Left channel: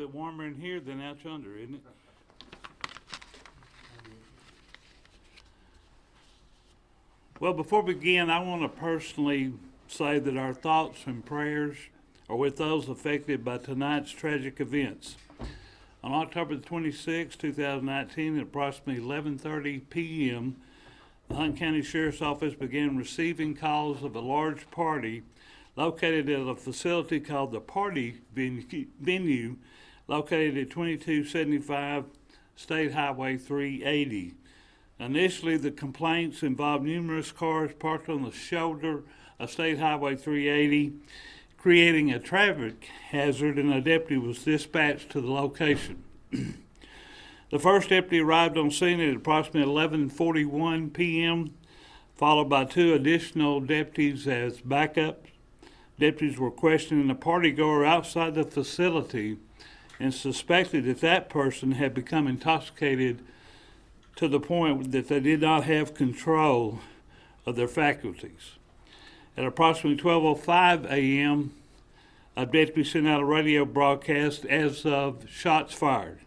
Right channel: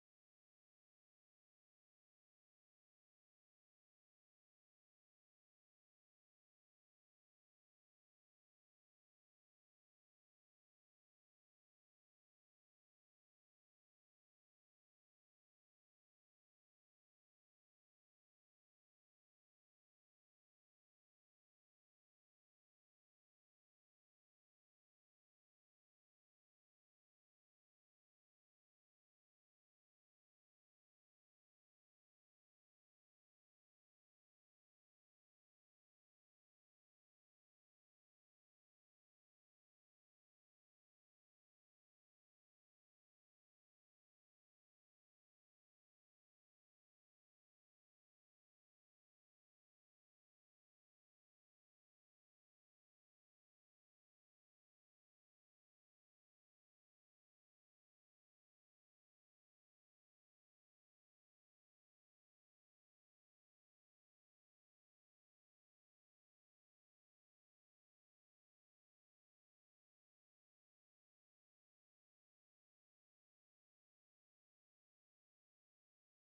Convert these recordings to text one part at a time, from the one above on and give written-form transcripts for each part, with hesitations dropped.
bit warmer in here than out yonder, isn't it? Well, before we begin, I want to personally say that our thoughts and prayers are with those affected by tonight's tragic events. On October the 26th, 2019, at approximately 11:30 p.m., the Hunt County Sheriff's Office began receiving calls of a large party located at a facility called the Party Venue, located at 2275 State Highway 380. Initially, the complaints involved numerous cars parked on the shoulder of State Highway 380, creating a traffic hazard, and a deputy was dispatched to the location. The first deputy arrived on scene at approximately 11:41 p.m., followed by two additional deputies as backup. Deputies were questioning the partygoer outside the facility and suspected that that person had become intoxicated to the point that they did not have control of their faculties. At approximately 12:05 a.m., a deputy sent out a radio broadcast as of shots fired.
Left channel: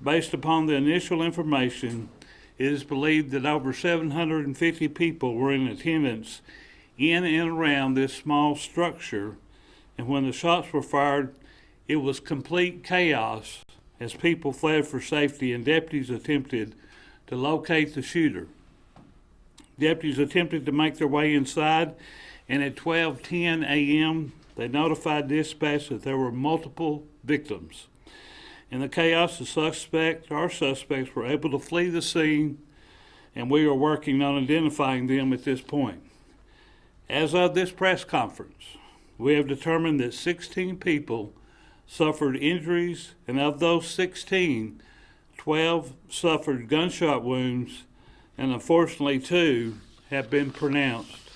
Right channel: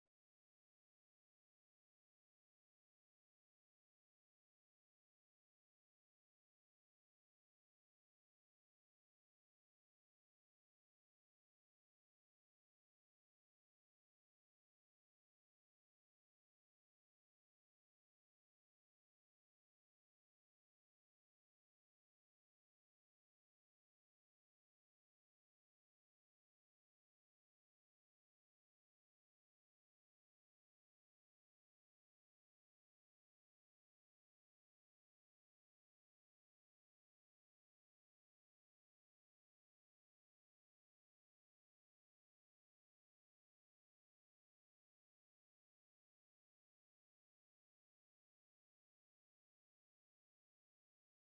Based upon the initial information, it is believed that over 750 people were in attendance in and around this small structure, and when the shots were fired, it was complete chaos as people fled for safety and deputies attempted to locate the shooter. Deputies attempted to make their way inside, and at 12:10 a.m., they notified dispatch that there were multiple victims. In the chaos, our suspects were able to flee the scene, and we are working on identifying them at this point. As of this press conference, we have determined that 16 people suffered injuries, and of those 16, 12 suffered gunshot wounds, and unfortunately 2 have been pronounced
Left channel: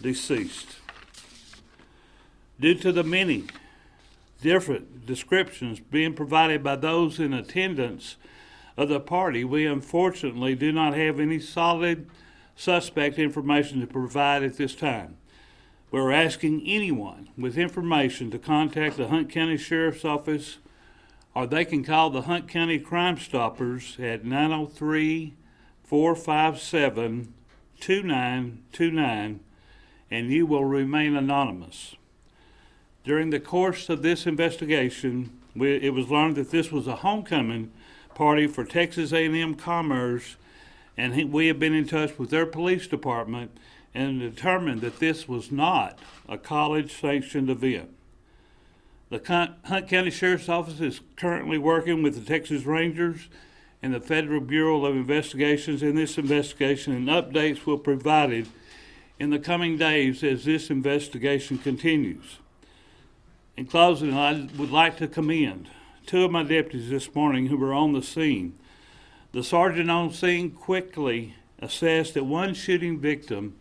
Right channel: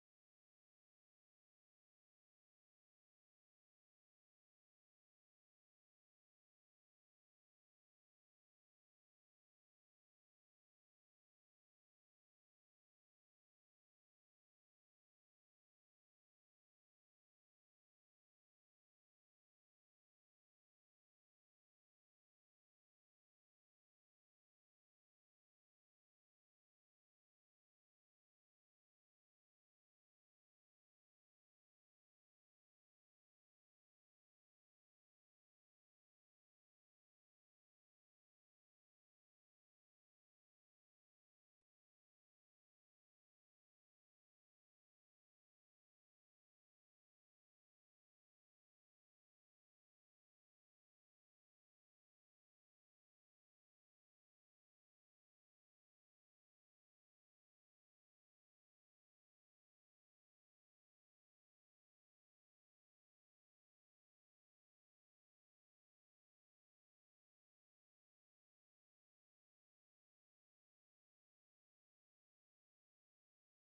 deceased. Due to the many different descriptions being provided by those in attendance of the party, we unfortunately do not have any solid suspect information to provide at this time. We're asking anyone with information to contact the Hunt County Sheriff's Office, or they can call the Hunt County Crime Stoppers at 903-457-2929, and you will remain anonymous. During the course of this investigation, it was learned that this was a homecoming party for Texas A&M Commerce, and we have been in touch with their police department and determined that this was not a college-sanctioned event. The Hunt County Sheriff's Office is currently working with the Texas Rangers and the Federal Bureau of Investigations in this investigation, and updates will be provided in the coming days as this investigation continues. In closing, I would like to commend 2 of my deputies this morning who were on the scene. The sergeant on scene quickly assessed that one shooting victim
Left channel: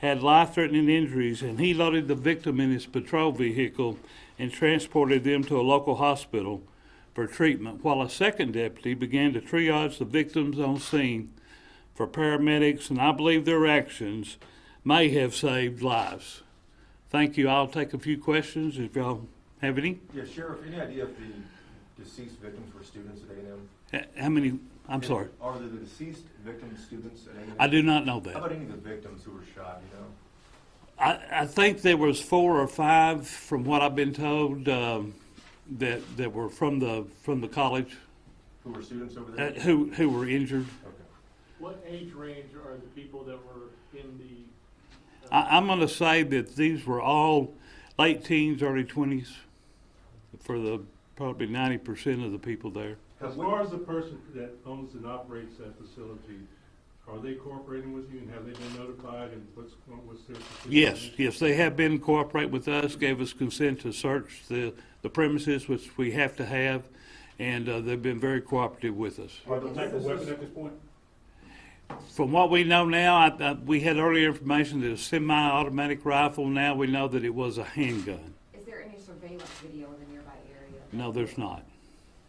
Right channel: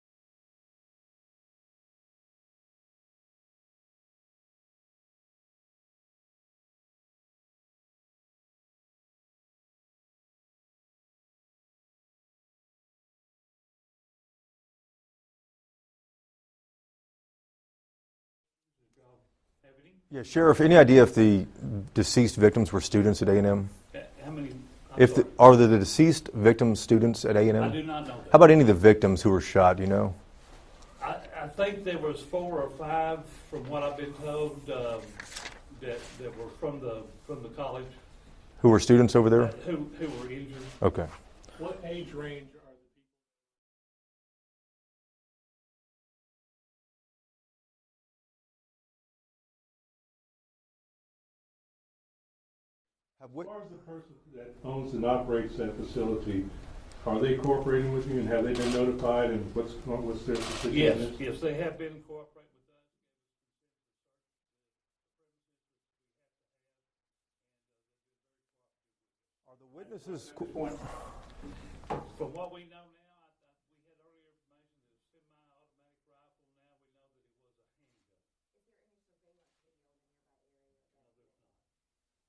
had life-threatening injuries, and he loaded the victim in his patrol vehicle and transported them to a local hospital for treatment, while a second deputy began to triage the victims on scene for paramedics, and I believe their actions may have saved lives. Thank you. I'll take a few questions if y'all have any. Yeah, Sheriff, any idea if the deceased victims were students at A&M? How many? Are the deceased victims students at A&M? I do not know that. How about any of the victims who were shot, do you know? I think there was 4 or 5, from what I've been told, that were from the college. Who were students over there? Who were injured. Okay. What age range are the people that were in the... I'm going to say that these were all late teens, early 20s, for the probably 90% of the people there. As far as the person that owns and operates that facility, are they cooperating with you, and have they been notified, and what's their position? Yes, they have been cooperating with us, gave us consent to search the premises, which we have to have, and they've been very cooperative with us. Are they type of weapon at this point? From what we know now, we had earlier information that it was a semi-automatic rifle. Now we know that it was a handgun. Is there any surveillance video in the nearby area? No, there's not.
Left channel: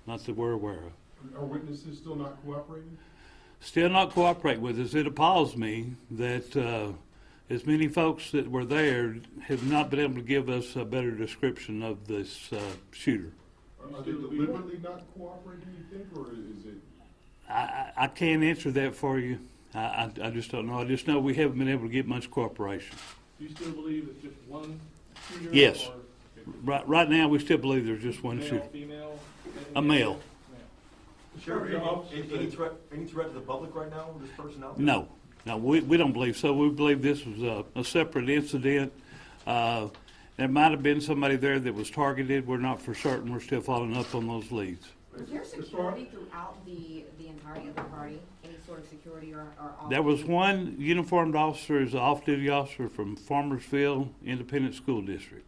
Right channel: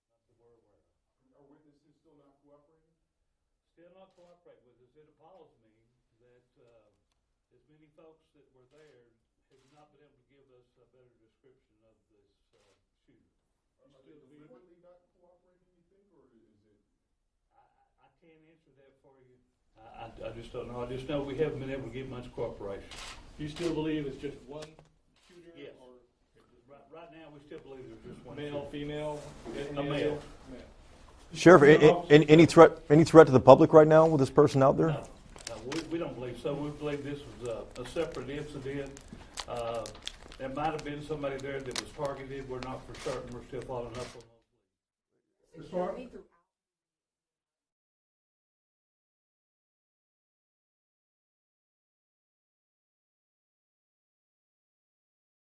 Not that we're aware of. Are witnesses still not cooperating? Still not cooperating with us. It appalls me that as many folks that were there have not been able to give us a better description of this shooter. Are they deliberately not cooperating, you think, or is it? I can't answer that for you. I just don't know. I just know we haven't been able to get much cooperation. Do you still believe it's just one shooter? Yes. Or Right now, we still believe there's just one shooter. male, female? A male. Sheriff, any threat to the public right now with this person out there? No, we don't believe so. We believe this was a separate incident. There might have been somebody there that was targeted. We're not for certain. We're still following up on those leads. Was there security throughout the entirety of the party? Any sort of security or There was one uniformed officer, is an off-duty officer from Farmersville Independent School District,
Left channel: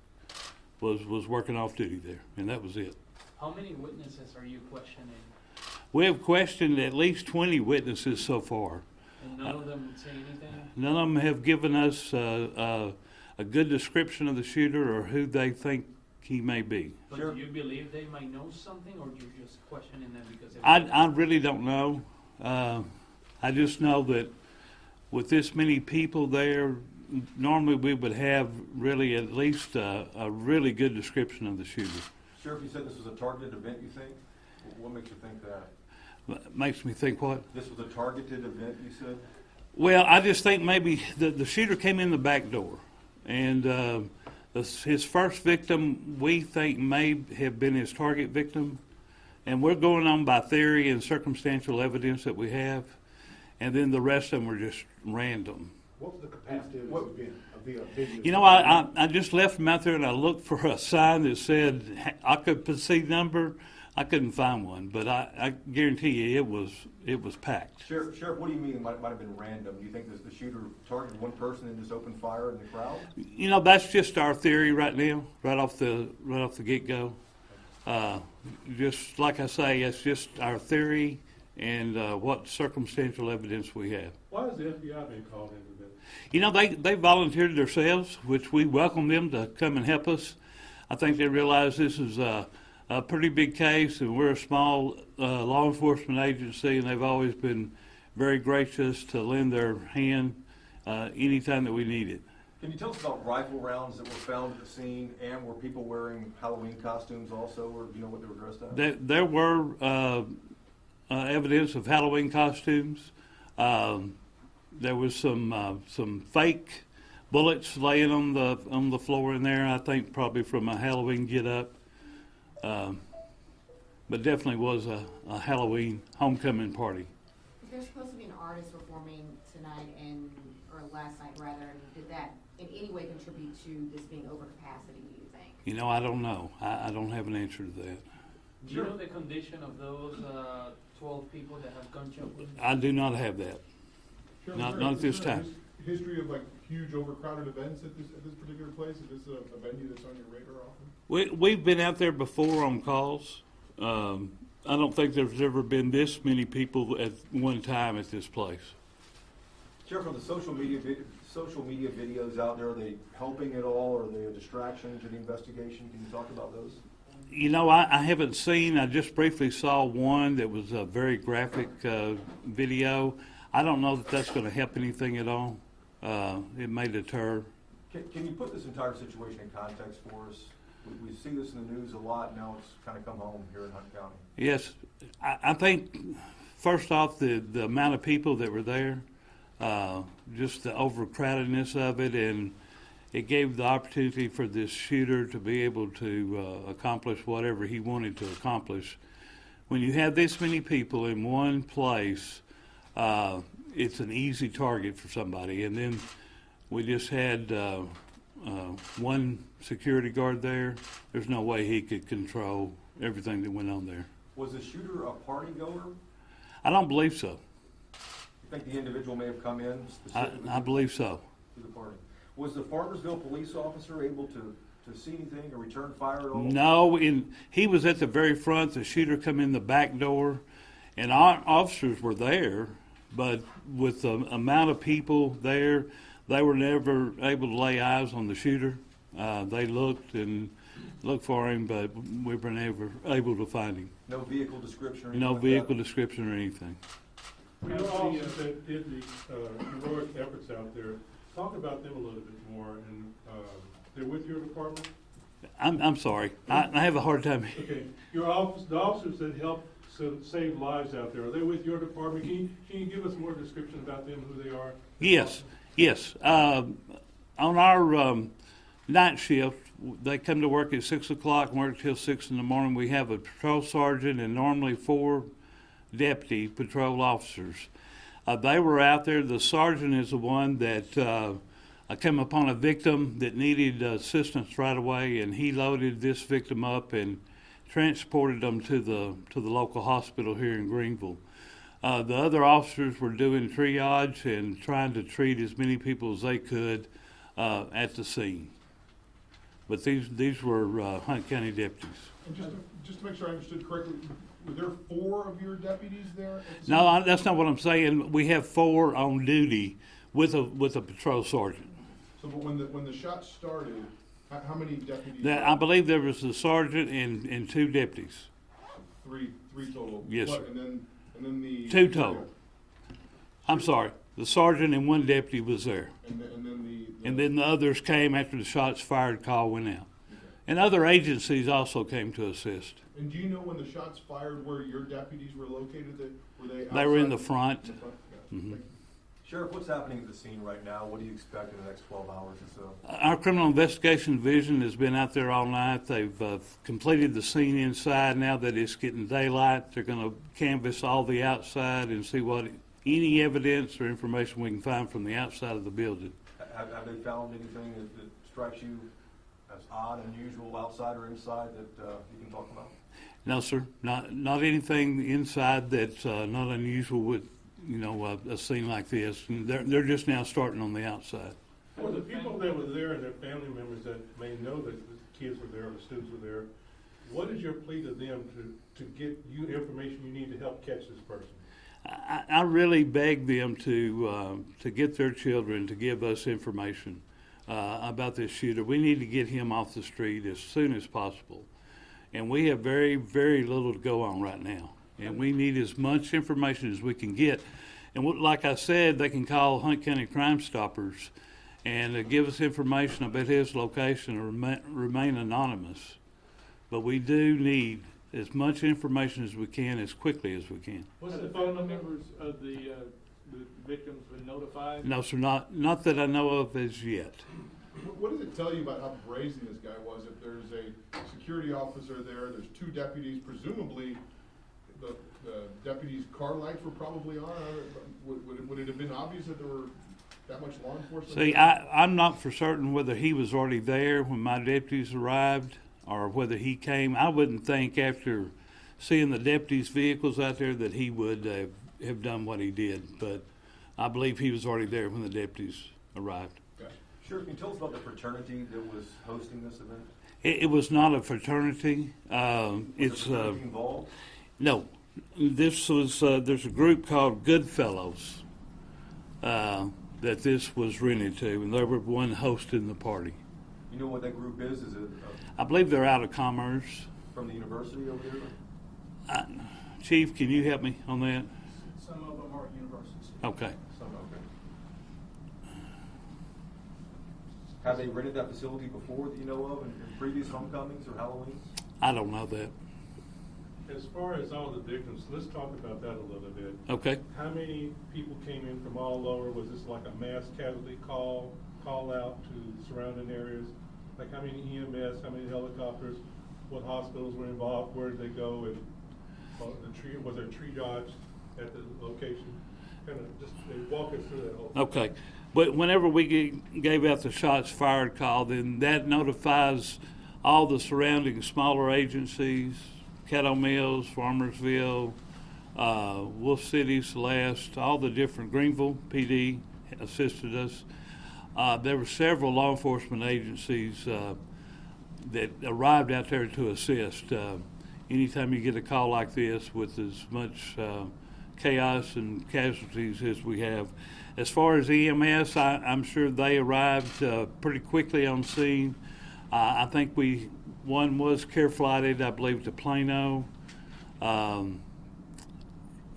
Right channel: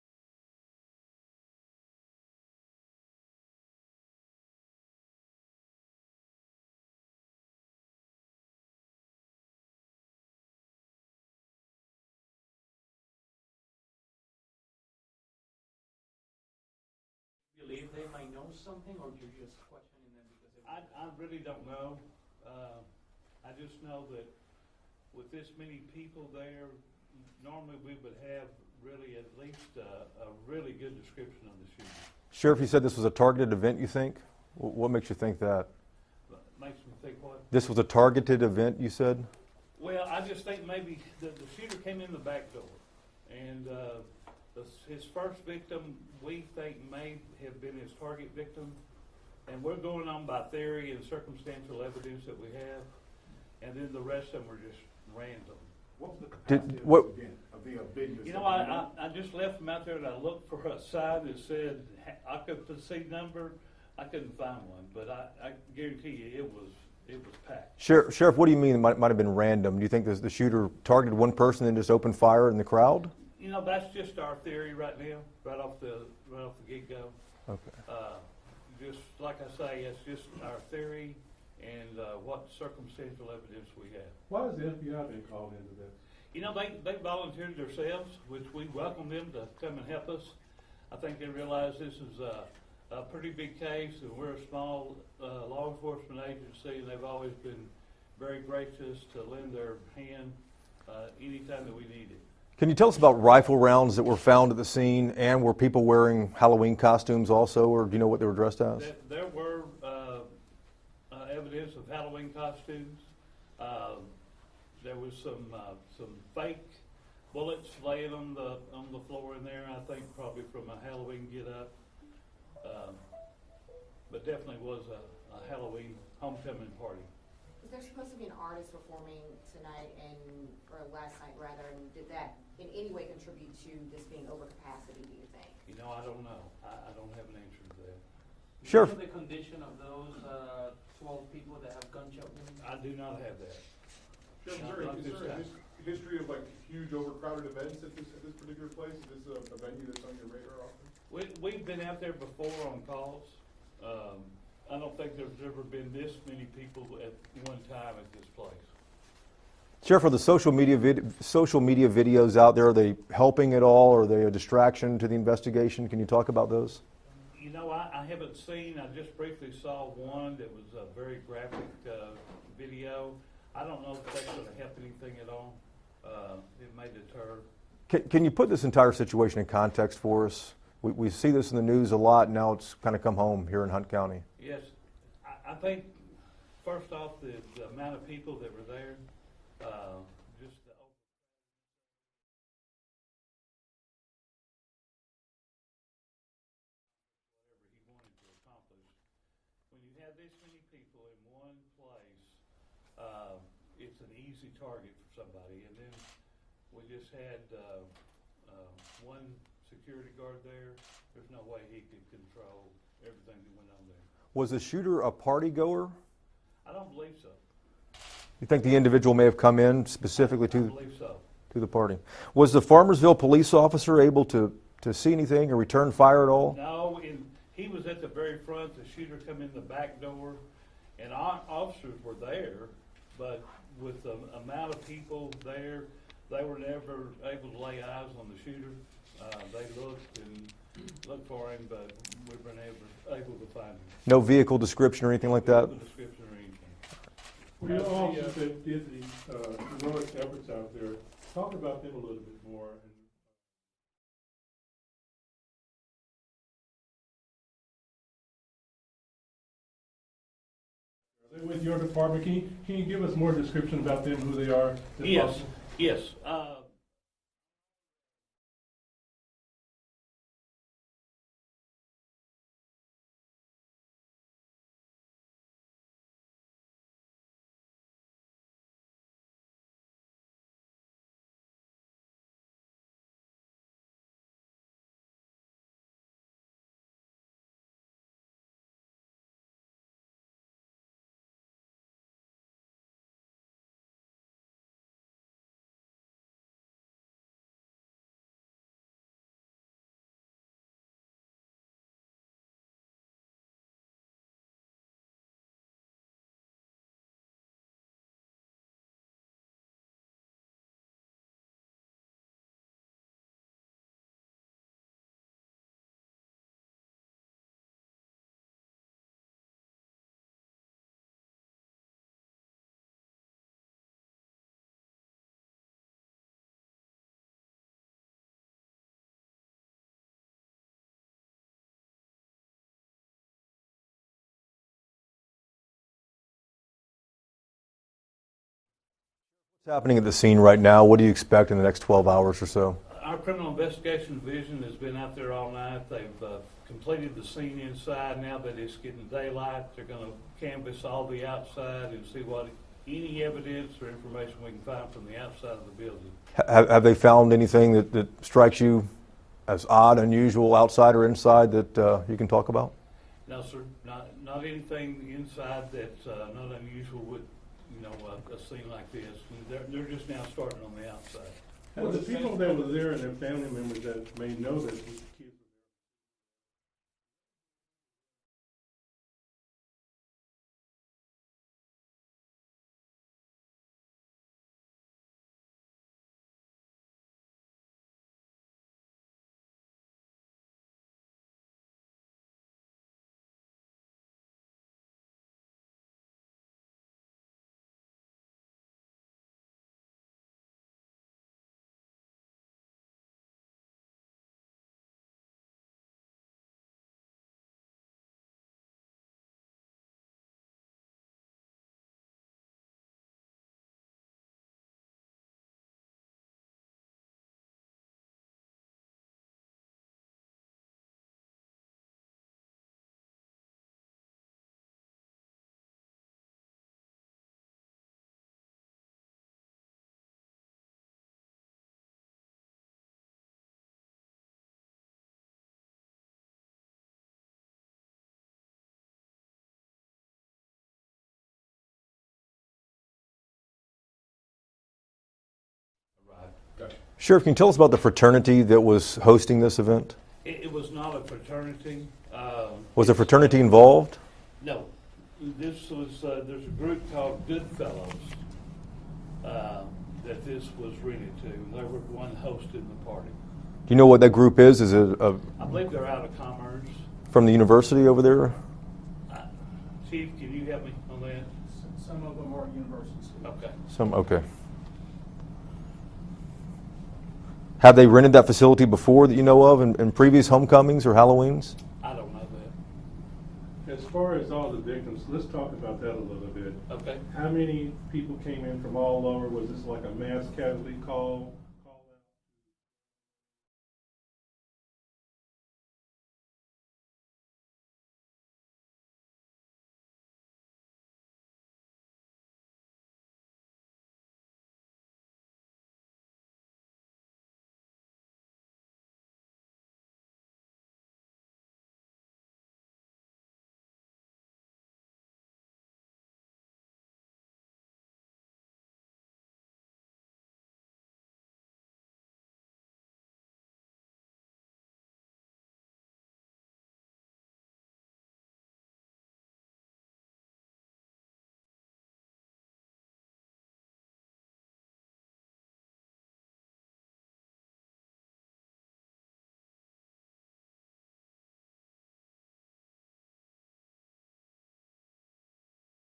was working off-duty there, and that was it. How many witnesses are you questioning? We have questioned at least 20 witnesses so far. And none of them say anything? None of them have given us a good description of the shooter or who they think he may be. But do you believe they might know something, or you're just questioning them because I really don't know. I just know that with this many people there, normally we would have really at least a really good description of the shooter. Sheriff, you said this was a targeted event, you think? What makes you think that? Makes me think what? This was a targeted event, you said? Well, I just think maybe the shooter came in the back door, and his first victim we think may have been his target victim, and we're going on by theory and circumstantial evidence that we have, and then the rest of them were just random. What was the capacity what- of the event? You know, I just left him out there and I looked for a sign that said occupancy number. I couldn't find one, but I guarantee you it was packed. Sheriff, what do you mean it might have been random? Do you think the shooter targeted one person and just opened fire in the crowd? You know, that's just our theory right now, right off the get-go. Okay. Just like I say, it's just our theory and what circumstantial evidence we have. Why has the FBI been called into this? You know, they volunteered themselves, which we welcome them to come and help us. I think they realize this is a pretty big case, and we're a small law enforcement agency, and they've always been very gracious to lend their hand anytime that we need it. Can you tell us about rifle rounds that were found at the scene, and were people wearing Halloween costumes also, or do you know what they were dressed as? There were evidence of Halloween costumes. There was some fake bullets laying on the floor in there. I think probably from a Halloween get-up, but definitely was a Halloween homecoming party. There's supposed to be an artist performing tonight or last night rather, and did that in any way contribute to this being over capacity, do you think? You know, I don't know. I don't have an answer to that. Sure. Do you know the condition of those 12 people that have gunshot wounds? I do not have that. Not at this time. History of like huge overcrowded events at this particular place? Is this a venue that's on your radar often? We've been out there before on calls. I don't think there's ever been this many people at one time at this place. Sheriff, are the social media videos out there, are they helping at all? Are they a distraction to the investigation? Can you talk about those? You know, I haven't seen, I just briefly saw one that was a very graphic video. I don't know that that's going to help anything at all. It may deter. Can you put this entire situation in context for us? We see this in the news a lot, and now it's kind of come home here in Hunt County. Yes, I think first off the amount of people that were there, just the overcrowdedness of it, and it gave the opportunity for this shooter to be able to accomplish whatever he wanted to accomplish. When you have this many people in one place, it's an easy target for somebody. And then we just had one security guard there. There's no way he could control everything that went on there. Was the shooter a party goer? I don't believe so. You think the individual may have come in specifically I believe so. to the party? Was the Farmersville police officer able to see anything or return fire at all? No, he was at the very front. The shooter come in the back door, and our officers were there, but with the amount of people there, they were never able to lay eyes on the shooter. They looked for him, but we were never able to find him. No vehicle description or anything No like vehicle that? description or anything. You know, officers that did the heroic efforts out there, talk about them a little bit more, and they're with your department? I'm sorry. I have a hard time. Okay, the officers that help save lives out there, are they with your department? Can you give us more description about them, who they are? Yes. On our night shift, they come to work at 6 o'clock and work till 6 in the morning. We have a patrol sergeant and normally 4 deputy patrol officers. They were out there. The sergeant is the one that came upon a victim that needed assistance right away, and he loaded this victim up and transported them to the local hospital here in Greenville. The other officers were doing triage and trying to treat as many people as they could at the scene. But these were Hunt County deputies. And just to make sure I understood correctly, were there 4 of your deputies there? At the No, scene? that's not what I'm saying. We have 4 on duty with a patrol sergeant. So, but when the shot started, how many deputies? I believe there was a sergeant and 2 deputies. Three total? Yes, What, sir. And then the. 2 total. I'm sorry. The sergeant and 1 deputy was there. And then And then the others came after the shots fired call went out. Okay. And other agencies also came to assist. And do you know when the shots fired where your deputies were located? Were they outside? They were in the front. In the front? Yeah. Mhm. Thank you. Sheriff, what's happening at the scene right now? What do you expect in the next 12 hours or so? Our criminal investigation division has been out there all night. They've completed the scene inside. Now that it's getting daylight, they're going to canvass all the outside and see what any evidence or information we can find from the outside of the building. Have they found anything that strikes you as odd, unusual, outside or inside that you can talk about? No, sir, not anything inside that's not unusual with a scene like this. They're just now starting on the outside. Well, the people that were there and their family members that may know that the kids were there, or the students were there, what is your plea to them to get you information you need to help catch this person? I really beg them to get their children to give us information about this shooter. We need to get him off the street as soon as possible. And we have very, very little to go on right now. And we need as much information as we can get. And like I said, they can call Hunt County Crime Stoppers and give us information about his location or remain anonymous. But we do need as much information as we can, as quickly as we can. What's the phone members of the victims been notified? No, sir, not that I know of as yet. What does it tell you about how brazen this guy was? If there's a security officer there's 2 deputies, presumably the deputies' car lights were probably on. Would it have been obvious that there were that much law enforcement? See, I'm not for certain whether he was already there when my deputies arrived or whether he came. I wouldn't think after seeing the deputies' vehicles out there that he would have done what he did, but I believe he was already there when the deputies arrived. Gotcha. Sheriff, can you tell us about the fraternity that was hosting this event? It was not a fraternity. Was a It's, fraternity involved? No. This was, there's a group called Goodfellows that this was rented to, and they were one hosting the party. Do you know what that group is? Is it I believe they're out of Commerce. from the university over there? Chief, can you help me on that? Some of them are universities. Okay. Okay. Have they rented that facility before that you know of in previous homecomings or Halloweens? I don't know that. As far as all the victims, let's talk about that a little bit. Okay. How many people came in from all over? Was this like a mass casualty call out to surrounding areas? Like how many EMS, how many helicopters, what hospitals were involved, where did they go, and was there triage at the location? Kind of just walk us through that whole. Okay. But whenever we gave out the shots fired call, then that notifies all the surrounding smaller agencies, Caddo Mills, Farmersville, Wolf City, Celeste, all the different, Greenville PD assisted us. There were several law enforcement agencies that arrived out there to assist. Anytime you get a call like this with as much chaos and casualties as we have. As far as EMS, I'm sure they arrived pretty quickly on scene. I think one was care flighted, I believe, to Plano.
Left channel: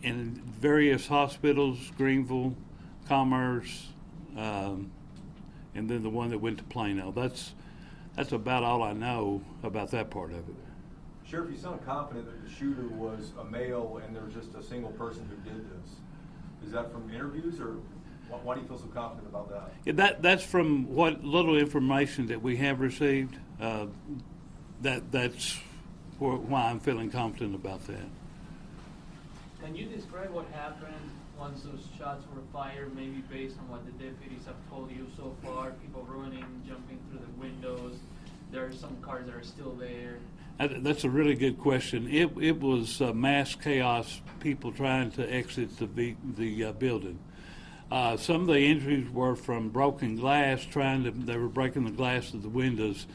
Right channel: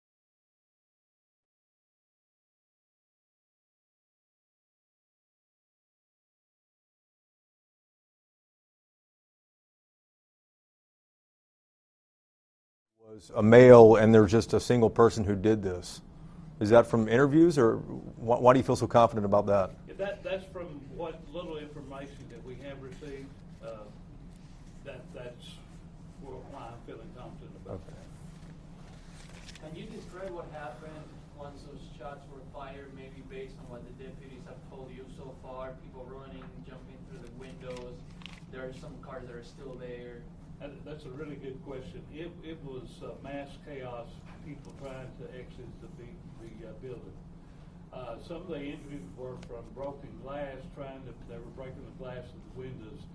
In various hospitals, Greenville, Commerce, and then the one that went to Plano. That's That's about all I know about that part of it. Sheriff, you sound confident that the shooter was a male and there's just a single person who did this. Is that from interviews, or why do you feel so confident about that? Yeah, that's from what little information that we have received. That's why I'm feeling confident about that. Can you describe what happened once those shots were fired, maybe based on what the deputies have told you so far? People running, jumping through the windows. There are some cars that are still there. That's a really good question. It was mass chaos, people trying to exit the building. Some of the injuries were from broken glass, they were breaking the glass of the windows,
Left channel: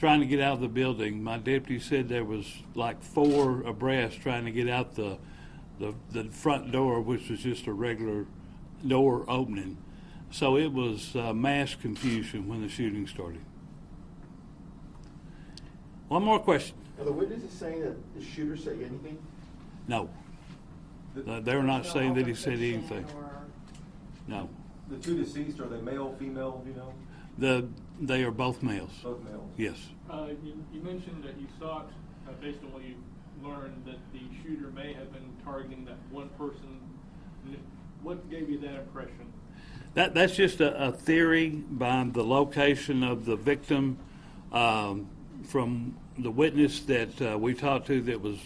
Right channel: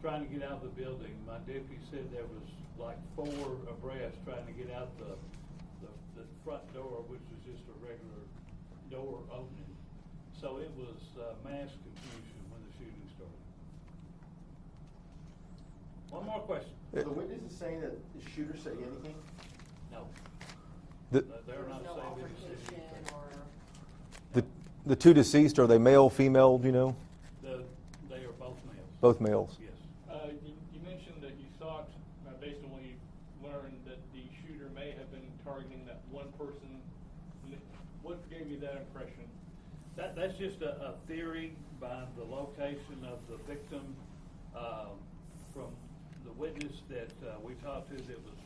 trying to get out of the building. My deputy said there was like 4 abreast trying to get out the front door, which was just a regular door opening. So it was mass confusion when the shooting started. One more question. Are the witnesses saying that the shooter said anything? No. They were not saying that he said anything. No. The 2 deceased, are they male, female, do you know? They are both males. Both males? Yes. You mentioned that you thought, based on what you learned, that the shooter may have been targeting that one person. What gave you that impression? That's just a theory by the location of the victim. From the witness that we talked to that was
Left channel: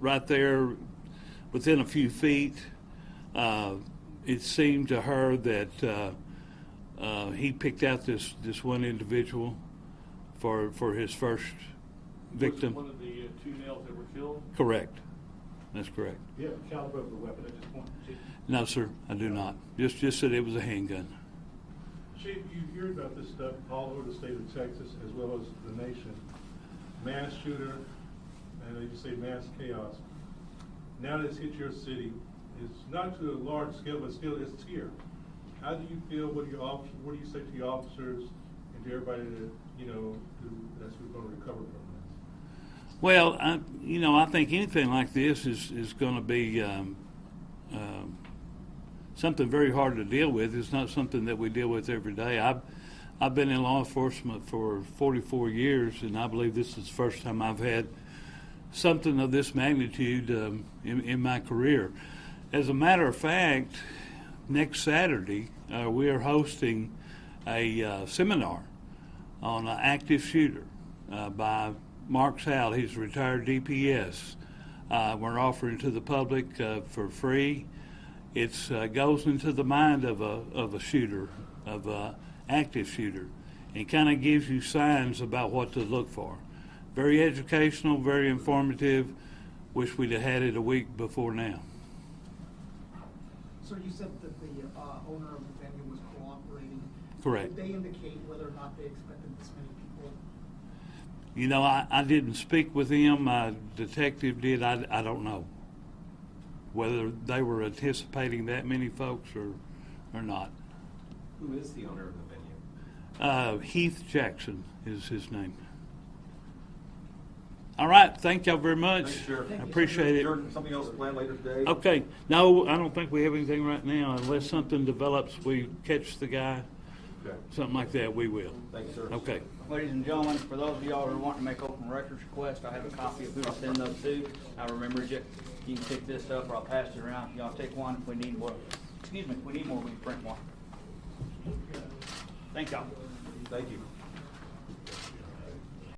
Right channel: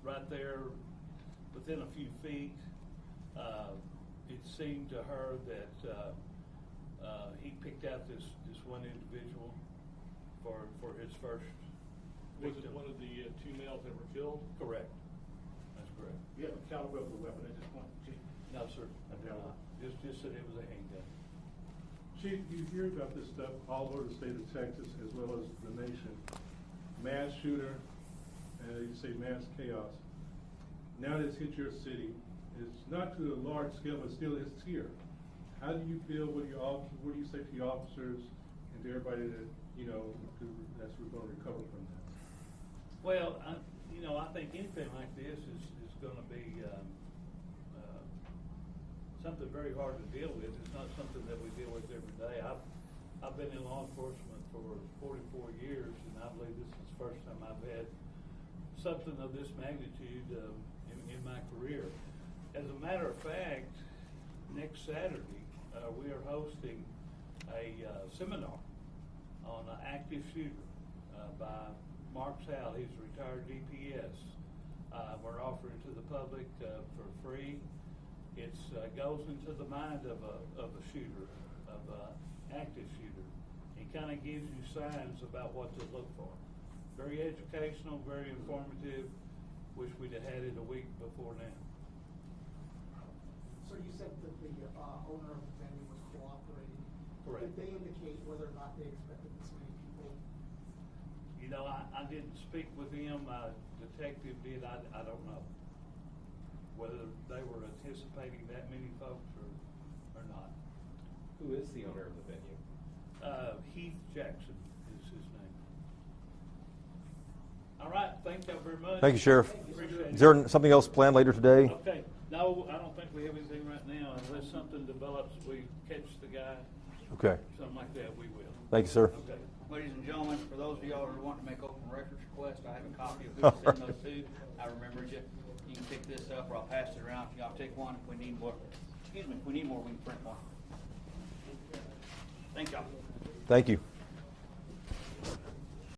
right there within a few feet, it seemed to her that he picked out this one individual for his first victim. Was it one of the 2 males that were killed? Correct. That's correct. Do you have a caliber of the weapon at this point, Chief? No, sir, I do not. Just that it was a handgun. Chief, you hear about this stuff all over the state of Texas as well as the nation. Mass shooter, and you say mass chaos. Now that it's hit your city, it's not to a large scale, but still it's here. How do you feel? What do you say to the officers and to everybody that, that's going to recover from this? Well, I think anything like this is going to be something very hard to deal with. It's not something that we deal with every day. I've been in law enforcement for 44 years, and I believe this is the first time I've had something of this magnitude in my career. As a matter of fact, next Saturday, we are hosting a seminar on an active shooter by Mark Sal. He's a retired DPS. We're offering to the public for free. It goes into the mind of a shooter, of an active shooter, and kind of gives you signs about what to look for. Very educational, very informative. Wish we'd have had it a week before now. So you said that the owner of the venue was cooperating. Correct. Did they indicate whether or not they expected this many people? I didn't speak with him. My detective did. I don't know whether they were anticipating that many folks or not. Who is the owner of the venue? Heath Jackson is his name. All right. Thank y'all very much. Thank you, Sheriff. I appreciate it. Is there something else planned later today? Okay. No, I don't think we have anything right now. Unless something develops, we catch the guy. Okay. Something like that, we will. Thank you, sir. Okay. Ladies and gentlemen, for those of y'all who are wanting to make open records requests, I have a copy of who to send those to. I remembered you. You can pick this up or I'll pass it around. Y'all take one. If we need more, we can print one. Thank y'all. Thank you.